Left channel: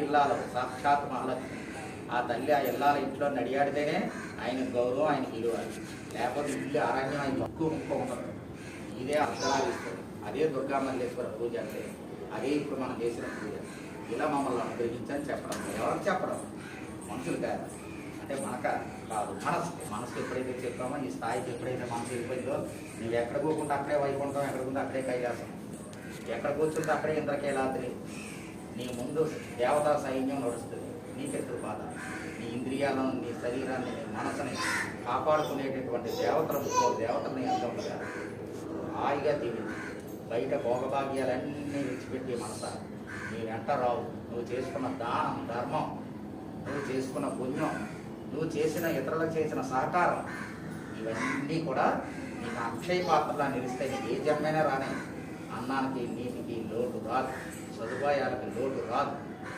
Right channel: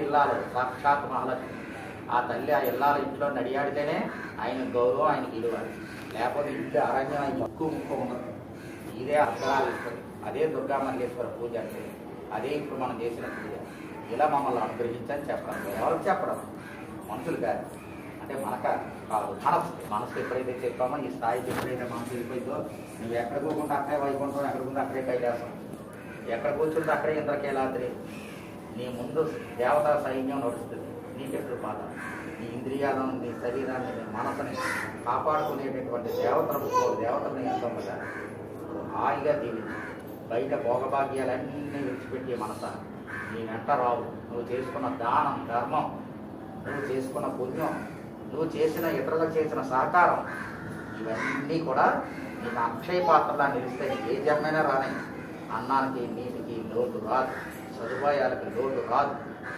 ఇల్లాలు సాక్షాత్ మహాలక్ష్మి. ఆ తల్లి ఆ ఇల్లాల ఇంట్లో నడియాడితేనే ఆయన గౌరవం, ఆయన విలువ. లేకపోతే ఇల్లు అరణ్యం ఆయన ముక్కు ఉండదు. ఇదే అర్థాలు ఇస్తుంది. అదే దుర్గా మల్లేశ్వర పూజ అంటే. అదే ఇప్పుడు మనం చేసిన పూజ. ఇలా మమ్మల్ని అనుగ్రహించని చెప్పడం. ఎవరికి చెప్పడం? మనుషులు కాదు. అంటే మనక కాదు, మనసు ఎప్పుడైతే చెప్పామో, ఈ స్థాయికి ఎప్పుడైతే మనసు వెళ్ళిపోయిందో, నువ్వు ఎక్కడ పోకుండా అక్కడే వైకుంఠం, ఎక్కడ పోతే అక్కడే కైలాసం, ఎక్కడ కూర్చుంటే అక్కడే ఇంద్రకీలాద్రి. నీ ముందు దేవతా సైన్యం నడుస్తుంది. నీకెప్పుడు బాధ? నీ ఇంద్రియాలను, నీ శరీరాన్ని, నీ మనసుని కాపాడుకునేటటువంటి దేవతలను ఎంత ఉండగా హాయిగా దీవించి బయట భోగభాగ్యాలన్నీ విడిచిపెట్టే మనస నీ వెంట రావు. నువ్వు చేసుకున్న దానం, ధర్మం, నువ్వు చేసుకున్న పుణ్యం, నువ్వు చేసిన ఇతరులకు చేసిన సహకారం, ఇవన్నీ కూడా నీకు అక్షయ పాత్రలా నిలుస్తాయి. ఏ జన్మైనా రాని. అన్నానికి నీటికి లోటు రాదు, సదుపాయాలకి లోటు రాదు.